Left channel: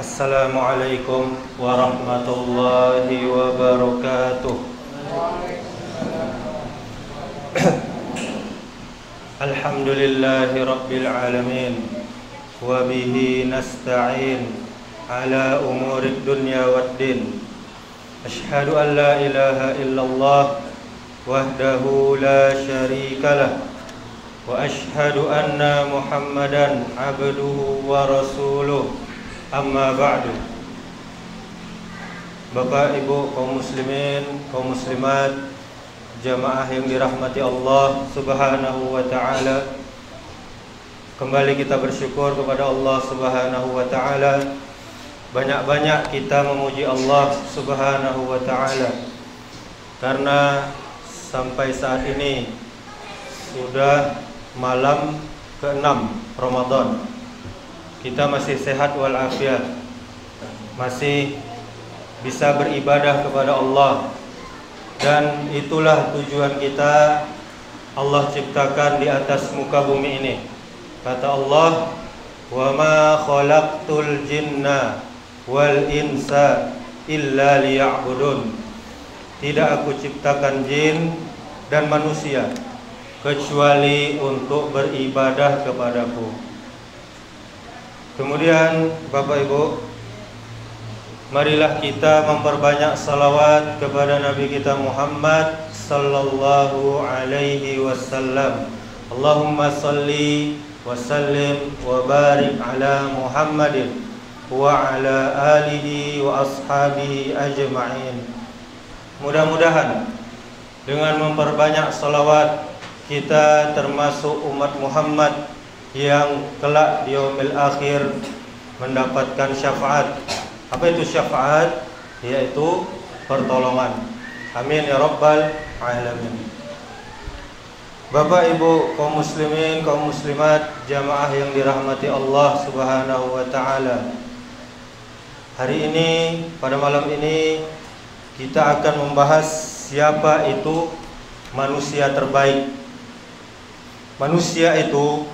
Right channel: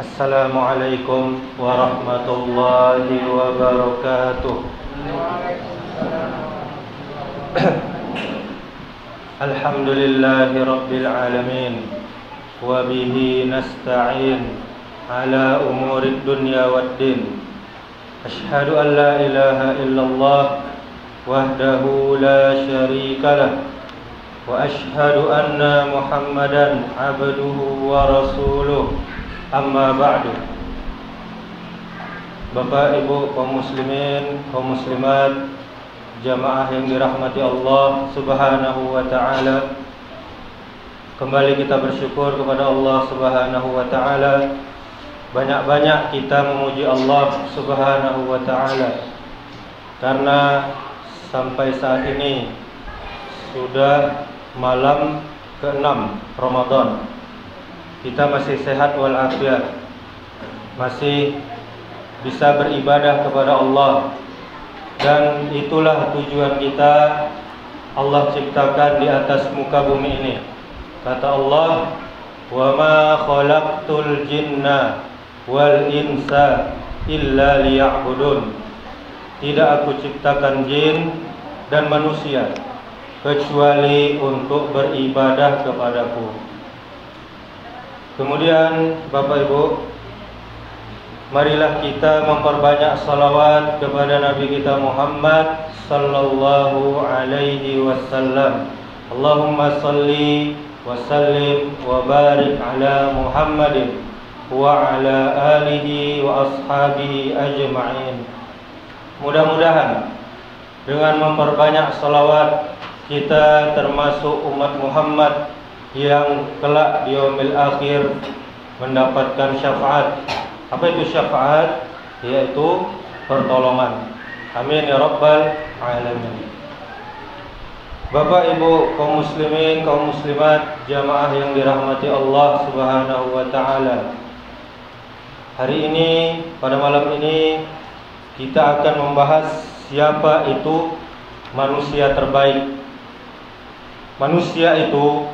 Assalamualaikum warahmatullahi wabarakatuh. Alhamdulillahi rabbil alamin, wa bihi nasta'in ala umurid dunya waddin. Ashhadu an la ilaha illallah wahdahu la syarika lah, wa ashhadu anna Muhammadan abduhu wa rasuluh. Amma ba'du. Bapak Ibu kaum muslimin, kaum muslimat, jamaah yang dirahmati Allah Subhanahu wa taala. Kembali kita bersyukur kepada Allah Subhanahu wa taala. Banyak-banyak kita memuji Allah Subhanahu wa taala, karena sampai saat ini sudah malam ke-6 Ramadan. Kita masih sehat walafiat, masih bisa beribadah kepada Allah. Dan itulah tujuan kita. Allah ciptakan di atas muka bumi ini. Kata Allah, "Wa ma khalaqtul jinna wal insa illa liya'budun." Tidak aku ciptakan jin dan manusia kecuali untuk beribadah kepadaku. Kemudian Bapak Ibu, marilah kita memperbanyak salawat kepada Nabi kita Muhammad sallallahu alaihi wasallam. Allahumma salli wa sallim wa barik ala Muhammadin wa ala alihi wa ashabihi ajma'in. Mudah-mudahan dengan memperbanyak salawat kita termasuk umat Muhammad yang kelak di yaumil akhir mendapatkan syafaat. Apa itu syafaat? Yaitu pertolongan. Amin ya rabbal alamin. Bapak Ibu kaum muslimin, kaum muslimat, jamaah yang dirahmati Allah Subhanahu wa taala. Hari ini, pada malam ini, kita akan membahas siapa itu manusia terbaik. Manusia itu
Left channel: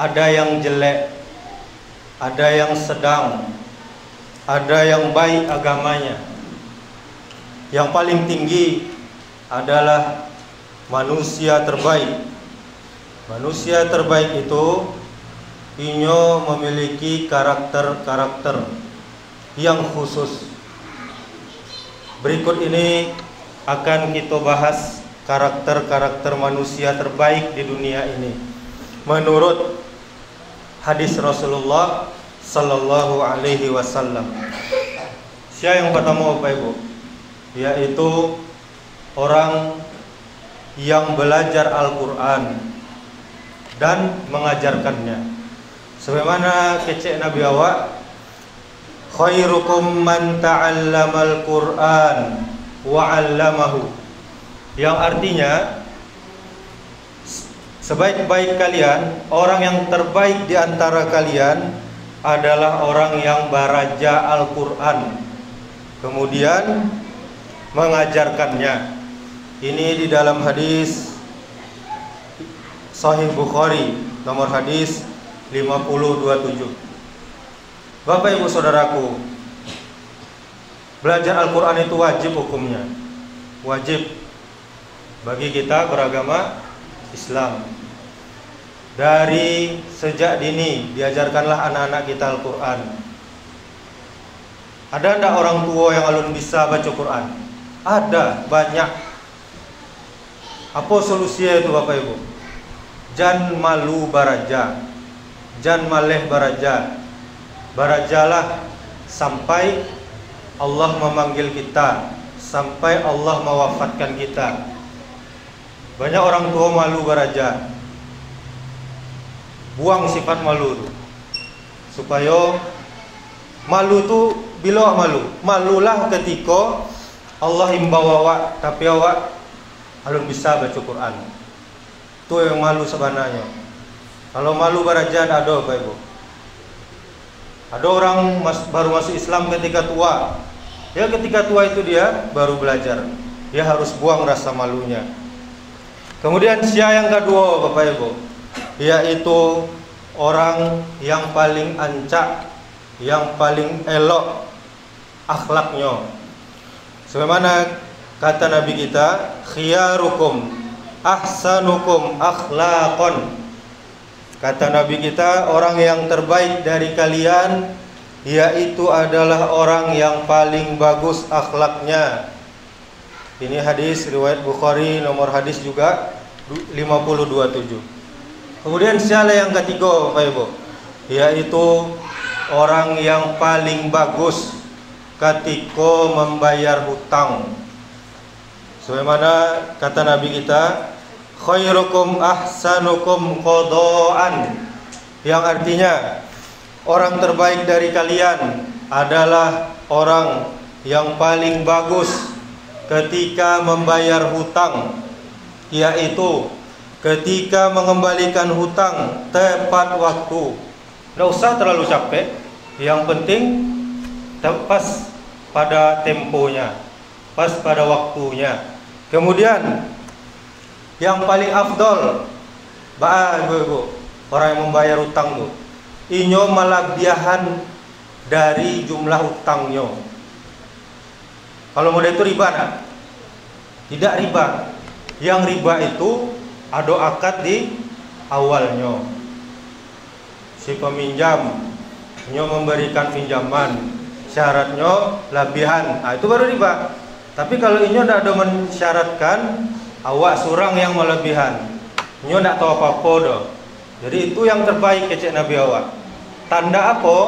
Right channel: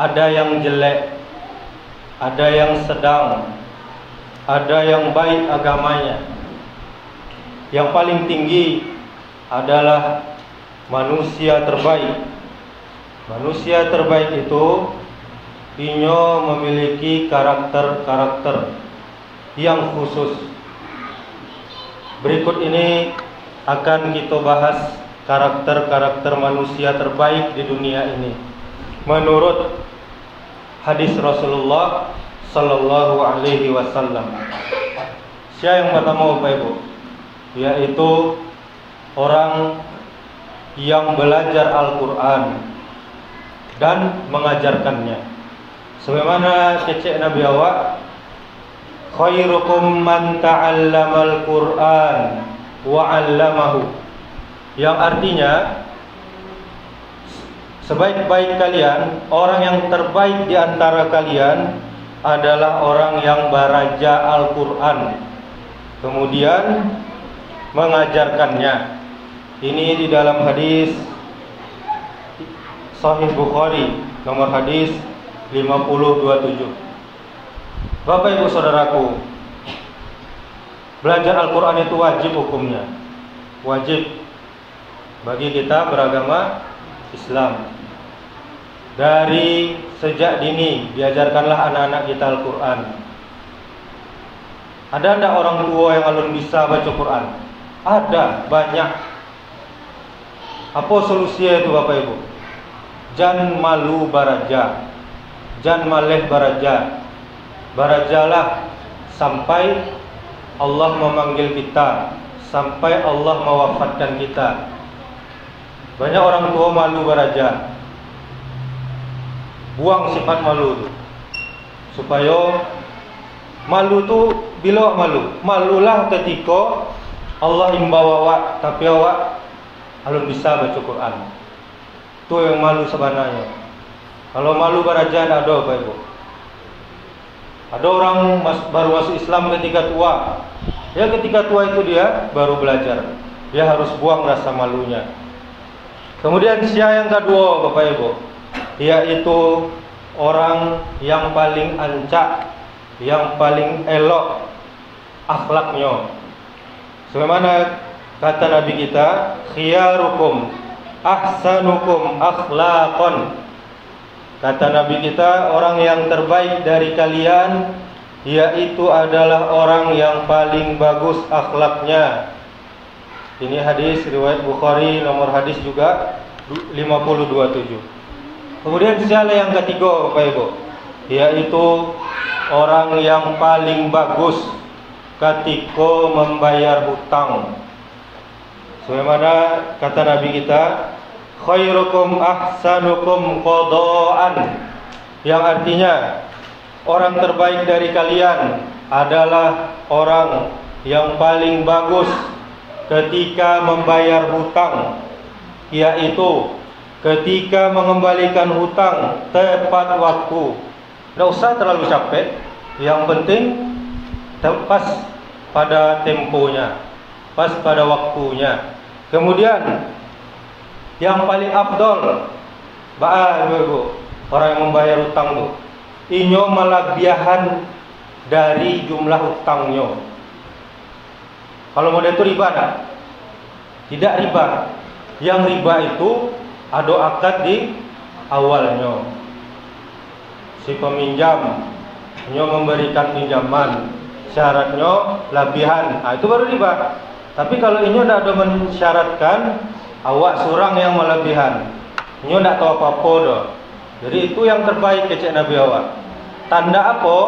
ada yang jelek, ada yang sedang, ada yang baik agamanya. Yang paling tinggi adalah manusia terbaik. Manusia terbaik itu inyo memiliki karakter-karakter yang khusus. Berikut ini akan kita bahas karakter-karakter manusia terbaik di dunia ini menurut hadis Rasulullah sallallahu alaihi wasallam. Siapa yang pertama Bapak Ibu? Yaitu orang yang belajar Al-Quran dan mengajarkannya. Sebagaimana kecek Nabi awak, khairukum man ta'allamal Quran wa 'allamahu. Yang artinya, sebaik-baik kalian, orang yang terbaik di antara kalian adalah orang yang belajar Al-Quran kemudian mengajarkannya. Ini di dalam hadis Sahih Bukhari nomor hadis 5027. Bapak Ibu saudaraku, belajar Al-Quran itu wajib hukumnya. Wajib bagi kita beragama Islam. Dari sejak dini diajarkanlah anak-anak kita Al-Quran. Ada enggak orang tua yang alun bisa baca Quran? Ada, banyak. Apa solusinya itu Bapak Ibu? Jan malu baraja, jan maleh baraja. Barajalah sampai Allah memanggil kita, sampai Allah mewafatkan kita. Banyak orang tua malu baraja. Buang sifat malu itu, supaya malu tu bila malu, malulah ketika Allah imbau awak tapi awak alun bisa baca Quran. Itu yang malu sebenarnya. Kalau malu baraja ada Bapak Ibu. Ada orang baru masuk Islam ketika tua. Ya ketika tua itu dia baru belajar. Dia harus buang rasa malunya. Kemudian siapa yang kedua Bapak Ibu? Yaitu orang yang paling ancak yang paling elok akhlaknya. Sebagaimana kata Nabi kita, khiyarukum ahsanukum akhlaqan. Kata Nabi kita, orang yang terbaik dari kalian yaitu adalah orang yang paling bagus akhlaknya. Ini hadis riwayat Bukhari, nomor hadis juga 5027. Kemudian siapa yang ketiga, Bapak Ibu? Yaitu orang yang paling bagus ketika membayar hutang. Sebagaimana kata Nabi kita, khairukum ahsanukum qadaan, yang artinya orang terbaik dari kalian adalah orang yang paling bagus ketika membayar hutang, yaitu ketika mengembalikan hutang tepat waktu. Tidak usah terlalu capek, yang penting pas pada temponya, pas pada waktunya. Kemudian yang paling afdol, Ibu, orang yang membayar hutang tuh, inyo malabiahan dari jumlah hutangnya. Kalau model itu riba nak? Tidak riba. Yang riba itu ada akad di awalnya. Si peminjam inyo memberikan pinjaman, syaratnya labihan, itu baru riba. Tapi kalau inyo tidak ada mensyaratkan, awak surang yang melebihan, inyo tidak tahu apa-apa dah. Jadi itu yang terbaik kecek Nabi awak. Tanda apa?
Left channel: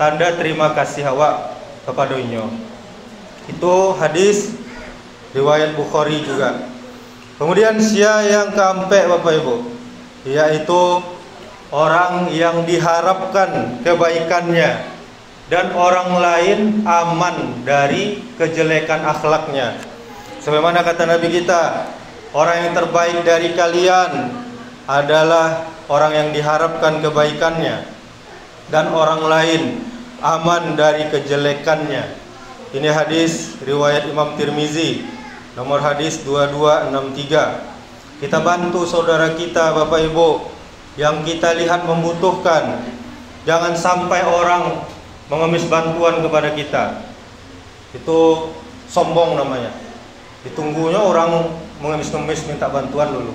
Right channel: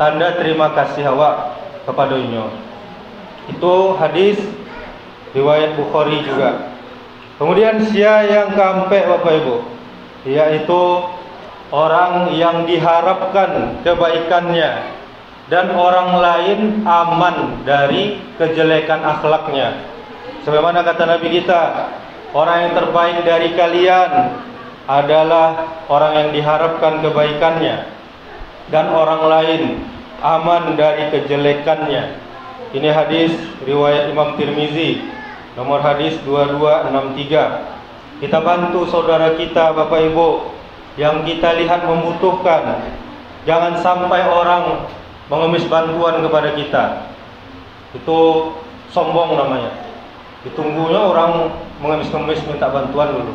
Tanda terima kasih awak kepada inyo. Itu hadis riwayat Bukhari juga. Kemudian siapa yang keempat, Bapak Ibu, yaitu orang yang diharapkan kebaikannya dan orang lain aman dari kejelekan akhlaknya. Sebagaimana kata Nabi kita, orang yang terbaik dari kalian adalah orang yang diharapkan kebaikannya dan orang lain aman dari kejelekannya. Ini hadis riwayat Imam Tirmizi, nomor hadis 2263. Kita bantu saudara kita, Bapak Ibu, yang kita lihat membutuhkan. Jangan sampai orang mengemis bantuan kepada kita. Itu sombong namanya. Ditunggunya orang mengemis-ngemis minta bantuan dulu.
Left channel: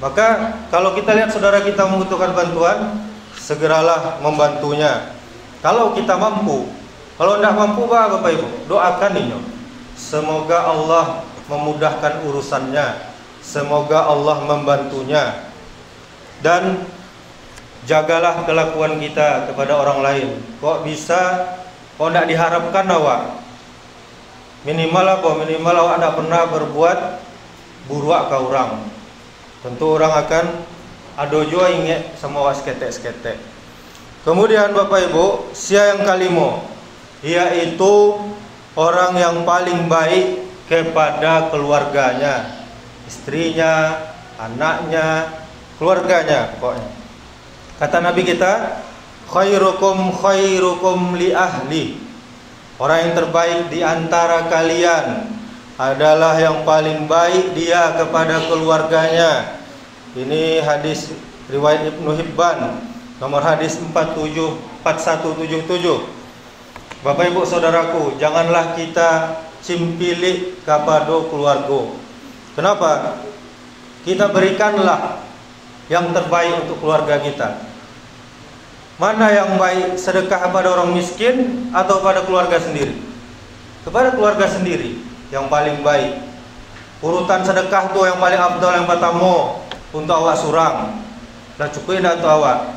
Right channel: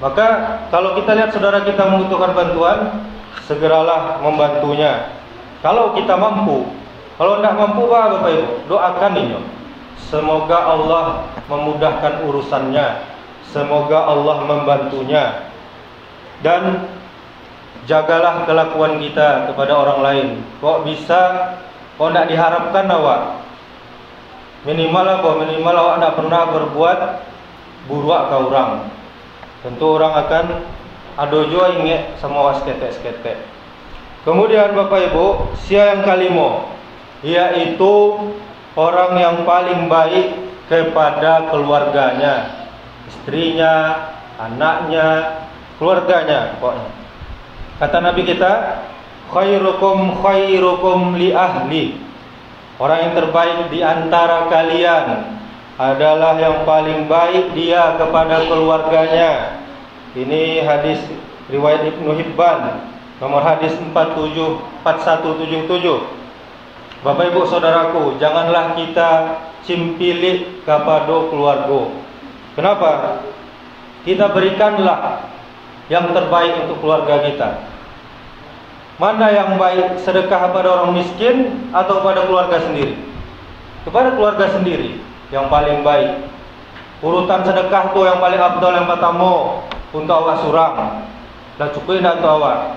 Maka kalau kita lihat saudara kita membutuhkan bantuan, segeralah membantunya. Kalau kita mampu. Kalau tidak mampu, Bapak Ibu, doakan ini. Semoga Allah memudahkan urusannya, semoga Allah membantunya. Dan jagalah kelakuan kita kepada orang lain. Kok bisa, kok tidak diharapkan awak. Minimal apa? Minimal awak tidak pernah berbuat buruk ke orang. Tentu orang akan ada juga ingat sama awak seketek-seketek. Kemudian Bapak Ibu, siapa yang kelima? Yaitu orang yang paling baik kepada keluarganya, istrinya, anaknya, keluarganya pokoknya. Kata Nabi kita, khairukum khairukum li ahli. Orang yang terbaik di antara kalian adalah yang paling baik dia kepada keluarganya. Ini hadis riwayat Ibnu Hibban, nomor hadis 4177. Bapak Ibu saudaraku, janganlah kita cimpilik kepada keluarga. Kenapa? Kita berikanlah yang terbaik untuk keluarga kita. Mana yang baik, sedekah pada orang miskin atau pada keluarga sendiri? Kepada keluarga sendiri yang paling baik. Urutan sedekah tuh yang paling afdal, yang pertama untuk awak surang. Dah cukup dah untuk awak.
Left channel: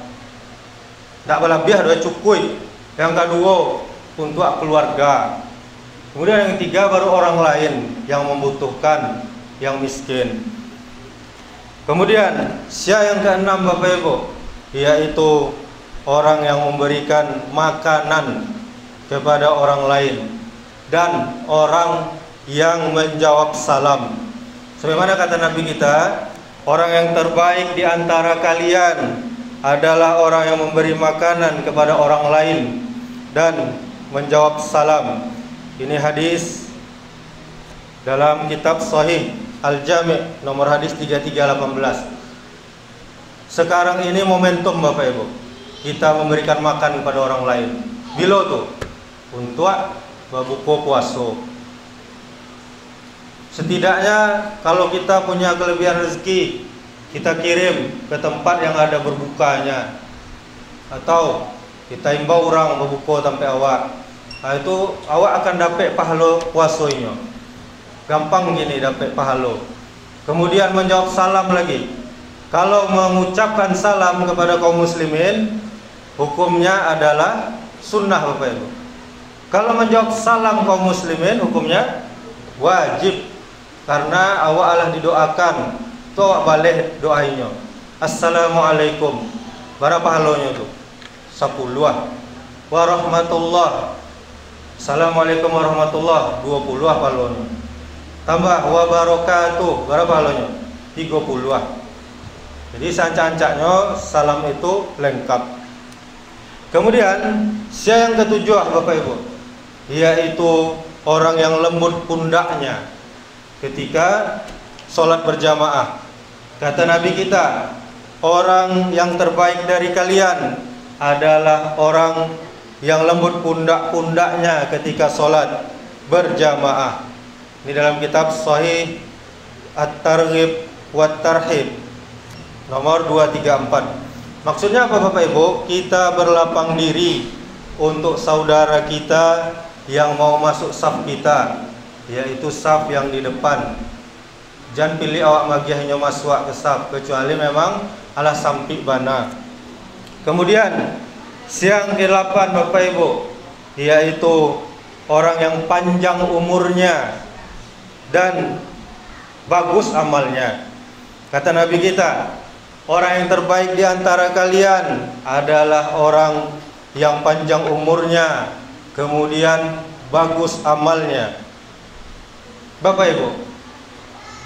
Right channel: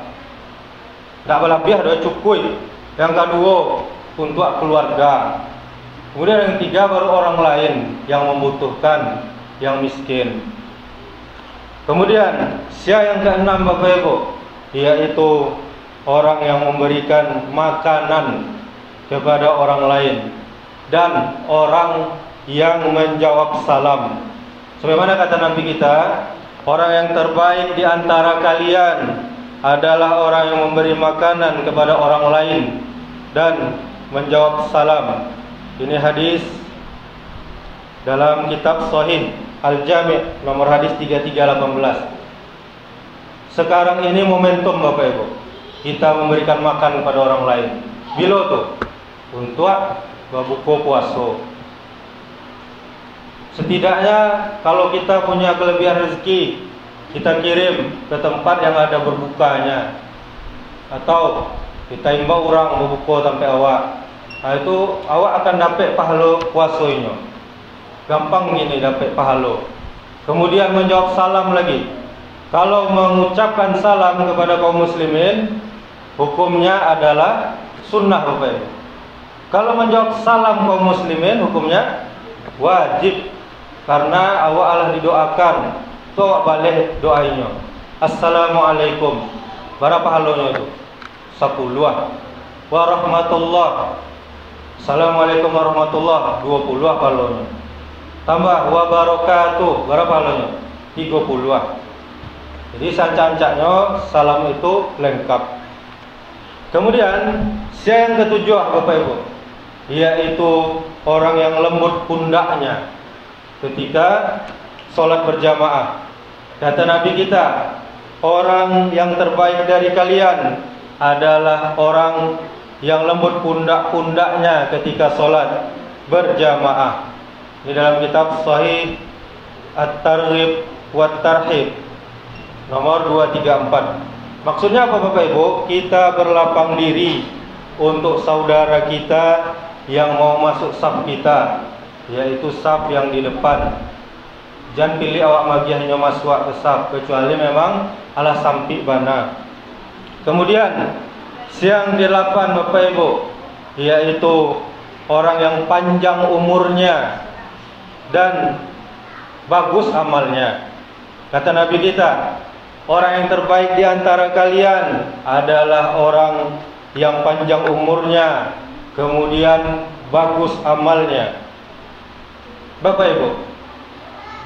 Tak berlebih dah cukup. Yang kedua untuk keluarga. Kemudian yang ketiga baru orang lain yang membutuhkan, yang miskin. Kemudian siapa yang keenam, Bapak Ibu? Yaitu orang yang memberikan makanan kepada orang lain dan orang yang menjawab salam. Sebagaimana kata Nabi kita, orang yang terbaik di antara kalian adalah orang yang memberi makanan kepada orang lain dan menjawab salam. Ini hadis dalam kitab Sahih Al-Jami' nomor hadis 3318. Sekarang ini momentum, Bapak Ibu. kita memberikan makan kepada orang lain. Bila tuh untuk berbuka puasa. Setidaknya kalau kita punya kelebihan rezeki, kita kirim ke tempat yang ada berbukanya, atau kita imbau orang berbuka sampai awak. Itu awak akan dapat pahala puasanya. Gampang gini dapat pahala. Kemudian menjawab salam lagi. Kalau mengucapkan salam kepada kaum muslimin, hukumnya adalah sunnah Bapak Ibu. Kalau menjawab salam kaum muslimin, hukumnya wajib, karena awak Allah didoakan. Toh balik doainya. Assalamualaikum. Berapa pahalanya itu? 10. Warahmatullah. Assalamualaikum warahmatullah. 20 pahalanya. Tambah wabarakatuh. Berapa pahalanya? 30. Jadi sancak-sancaknya salam itu lengkap. Kemudian yang ketujuh Bapak Ibu, yaitu orang yang lembut pundaknya ketika sholat berjamaah. Kata Nabi kita, orang yang terbaik dari kalian adalah orang yang lembut pundak-pundaknya ketika sholat berjamaah. Ini dalam kitab Sahih At-Targhib wa Tarhib nomor 234. Maksudnya apa Bapak Ibu? Kita berlapang diri untuk saudara kita yang mau masuk saf kita, yaitu saf yang di depan. Jangan pilih awak magiahnya masuk ke saf, kecuali memang ala sampi bana. Kemudian yang ke-8 Bapak Ibu, yaitu orang yang panjang umurnya dan bagus amalnya. Kata Nabi kita, orang yang terbaik di antara kalian adalah orang yang panjang umurnya, kemudian bagus amalnya. Bapak Ibu,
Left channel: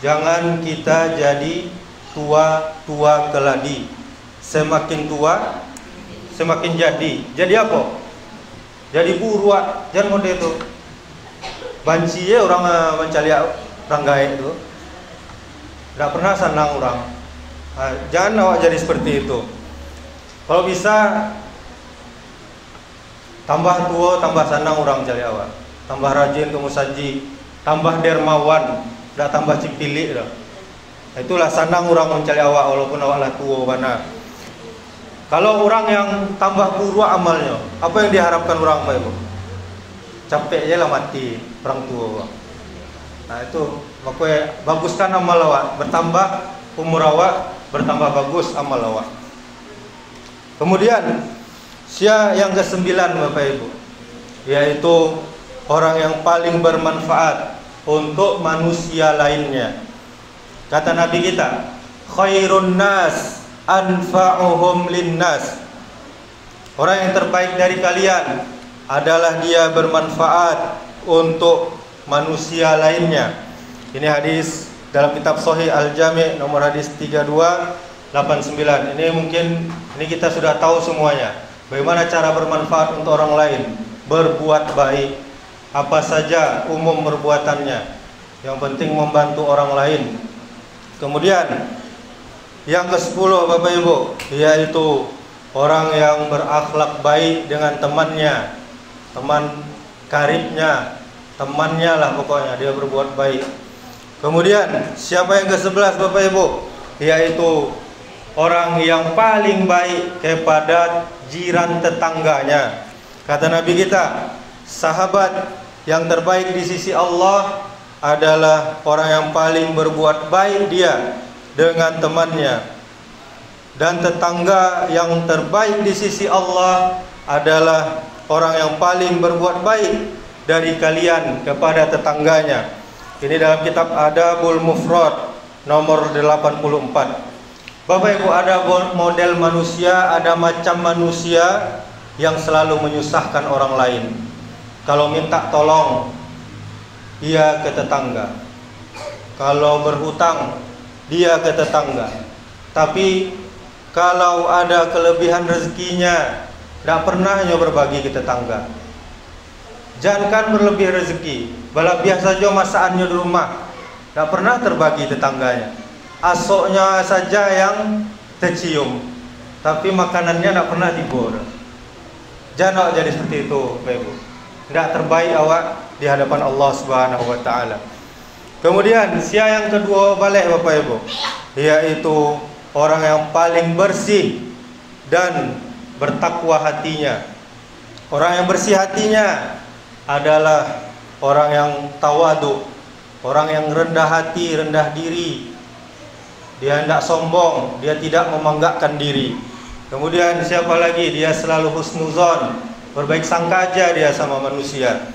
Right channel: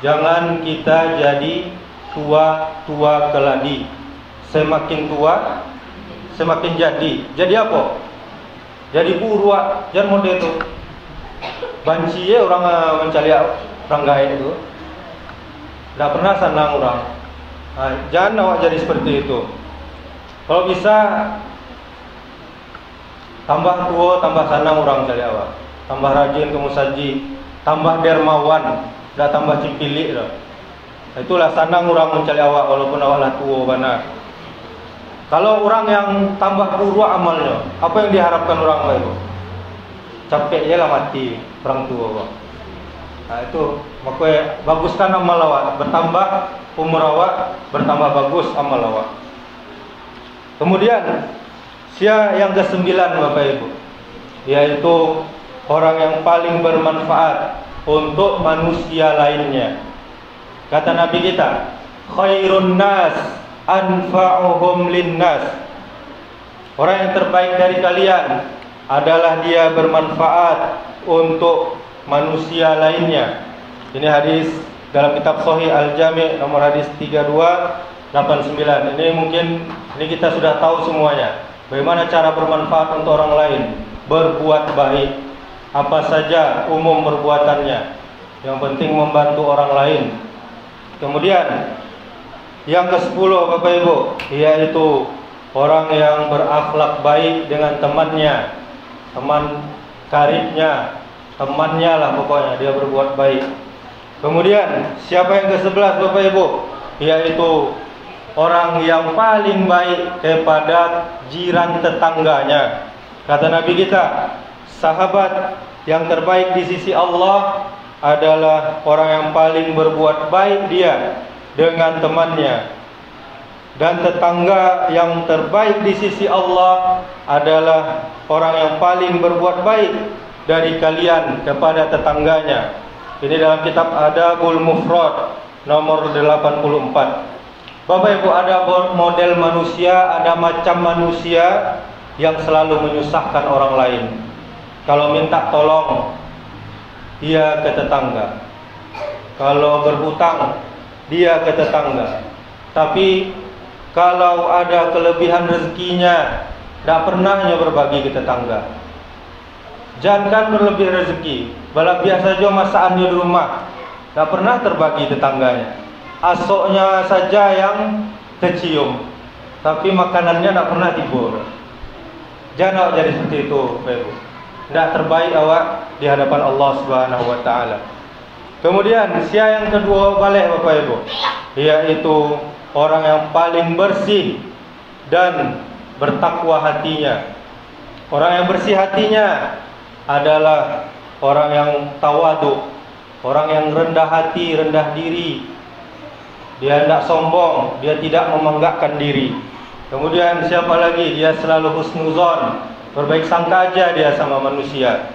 jangan kita jadi tua-tua keladi. Semakin tua, semakin jadi. Jadi apa? Jadi buruak. Jangan model itu. Banci ya orang mencari orang gaib itu. Tidak pernah senang orang. Nah, jangan awak jadi seperti itu. Kalau bisa tambah tua, tambah senang orang cari awak. Tambah rajin ke musaji, tambah dermawan, tidak tambah cipilik dah. Itulah senang orang mencari awak walaupun awak lah tua mana. Kalau orang yang tambah buruk amalnya, apa yang diharapkan orang itu? Capek je lah mati orang tua awak. Nah itu makanya baguskan amal awak, bertambah umur awak, bertambah bagus amal awak. Kemudian yang ke-9 Bapak Ibu, yaitu orang yang paling bermanfaat untuk manusia lainnya. Kata Nabi kita, khairun nas anfa'uhum linnas. Orang yang terbaik dari kalian adalah dia bermanfaat untuk manusia lainnya. Ini hadis dalam kitab Sahih Al-Jami' nomor hadis 3289. Ini mungkin kita sudah tahu semuanya. Bagaimana cara bermanfaat untuk orang lain, berbuat baik. Apa saja umum perbuatannya. Yang penting membantu orang lain. Kemudian yang ke-10 Bapak Ibu, yaitu orang yang berakhlak baik dengan temannya, teman karibnya, temannya lah pokoknya, dia berbuat baik. Kemudian siapa yang ke-11 Bapak Ibu, yaitu orang yang paling baik kepada jiran tetangganya. Kata Nabi kita, sahabat yang terbaik di sisi Allah adalah orang yang paling berbuat baik dia dengan temannya. Dan tetangga yang terbaik di sisi Allah adalah orang yang paling berbuat baik dari kalian kepada tetangganya. Ini dalam kitab Adabul Mufrad nomor 84. Bapak Ibu, ada model manusia, ada macam manusia yang selalu menyusahkan orang lain. Kalau minta tolong, dia ke tetangga. Kalau berhutang, dia ke tetangga. Tapi kalau ada kelebihan rezekinya, tidak pernah hanya berbagi ke tetangga. Jangankan berlebih rezeki, bala biasa saja masakannya di rumah, tidak pernah terbagi tetangganya. Asoknya saja yang tercium. tapi makanannya tidak pernah timbul. Jangan jadi seperti itu, Bapak Ibu. Tidak terbaik awak di hadapan Allah Subhanahu wa taala. Kemudian sia yang kedua balik Bapak Ibu, yaitu orang yang paling bersih dan bertakwa hatinya. Orang yang bersih hatinya adalah orang yang tawadu, orang yang rendah hati, rendah diri. Dia tidak sombong, dia tidak membanggakan diri. Kemudian siapa lagi? Dia selalu husnuzon, berbaik sangka aja dia sama manusia.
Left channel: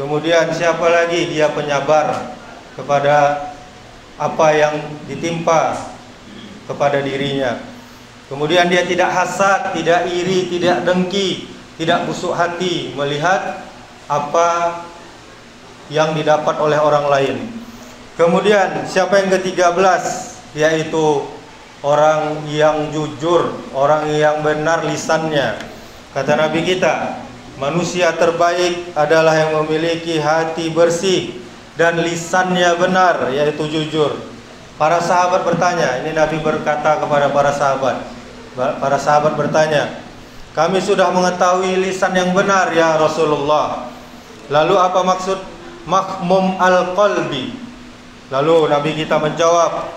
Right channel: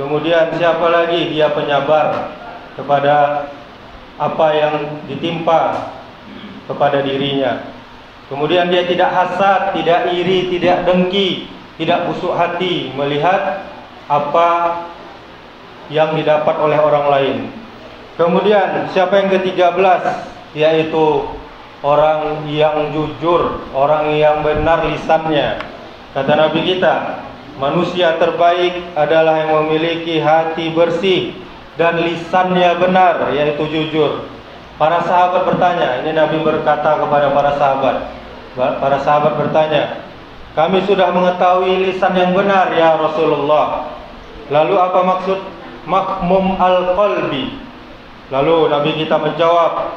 Kemudian siapa lagi? Dia penyabar kepada apa yang ditimpa kepada dirinya. Kemudian dia tidak hasad, tidak iri, tidak dengki, tidak busuk hati melihat apa yang didapat oleh orang lain. Kemudian siapa yang ke-13? Yaitu orang yang jujur, orang yang benar lisannya. Kata Nabi kita, manusia terbaik adalah yang memiliki hati bersih dan lisannya benar, yaitu jujur. Para sahabat bertanya, ini Nabi berkata kepada para sahabat. Para sahabat bertanya, kami sudah mengetahui lisan yang benar ya Rasulullah. Lalu apa maksud makhmum al-qalbi? Lalu Nabi kita menjawab,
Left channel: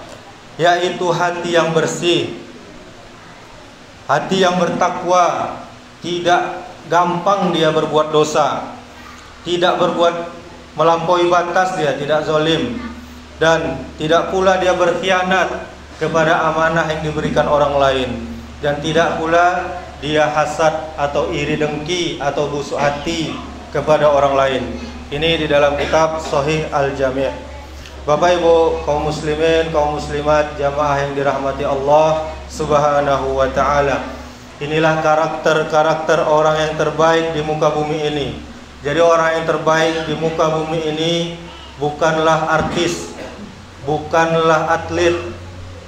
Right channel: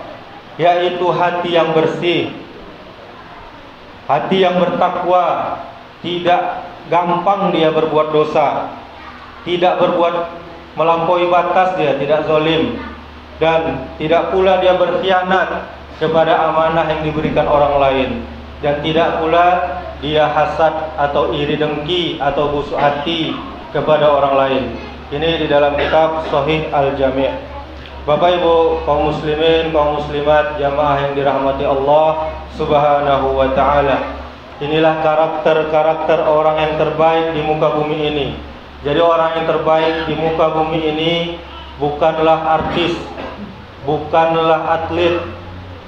yaitu hati yang bersih, hati yang bertakwa, tidak gampang dia berbuat dosa, tidak berbuat melampaui batas, dia tidak zalim, dan tidak pula dia berkhianat kepada amanah yang diberikan orang lain, dan tidak pula dia hasad atau iri dengki atau busuk hati kepada orang lain. Ini di dalam kitab Sahih Al-Jami'. Bapak Ibu kaum muslimin, kaum muslimat, jamaah yang dirahmati Allah Subhanahu wa taala. Inilah karakter-karakter orang yang terbaik di muka bumi ini. Jadi orang yang terbaik di muka bumi ini bukanlah artis, bukanlah atlet,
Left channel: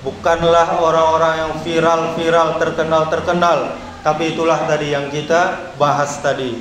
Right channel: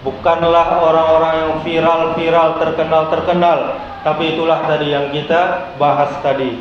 bukanlah orang-orang yang viral-viral, terkenal-terkenal, tapi itulah tadi yang kita bahas tadi.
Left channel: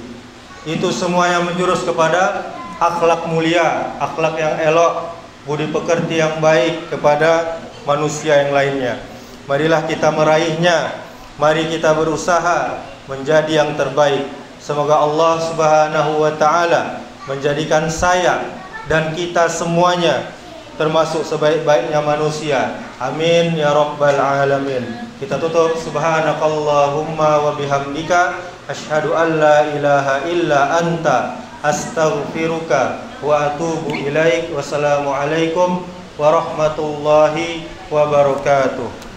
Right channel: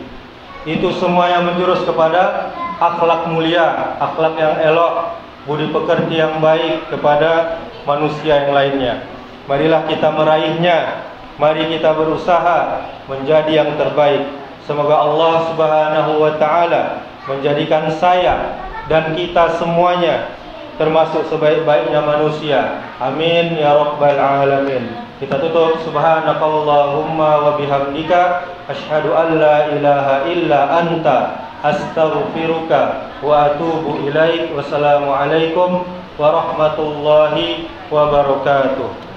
Itu semua yang menjurus kepada akhlak mulia, akhlak yang elok, budi pekerti yang baik kepada manusia yang lainnya. Marilah kita meraihnya. Mari kita berusaha menjadi yang terbaik. Semoga Allah Subhanahu wa taala menjadikan saya dan kita semuanya termasuk sebaik-baiknya manusia. Amin ya rabbal alamin. Kita tutup, subhanakallahumma wa bihamdika asyhadu an la ilaha illa anta astaghfiruka wa atubu ilaik. Wassalamualaikum warahmatullahi wabarakatuh.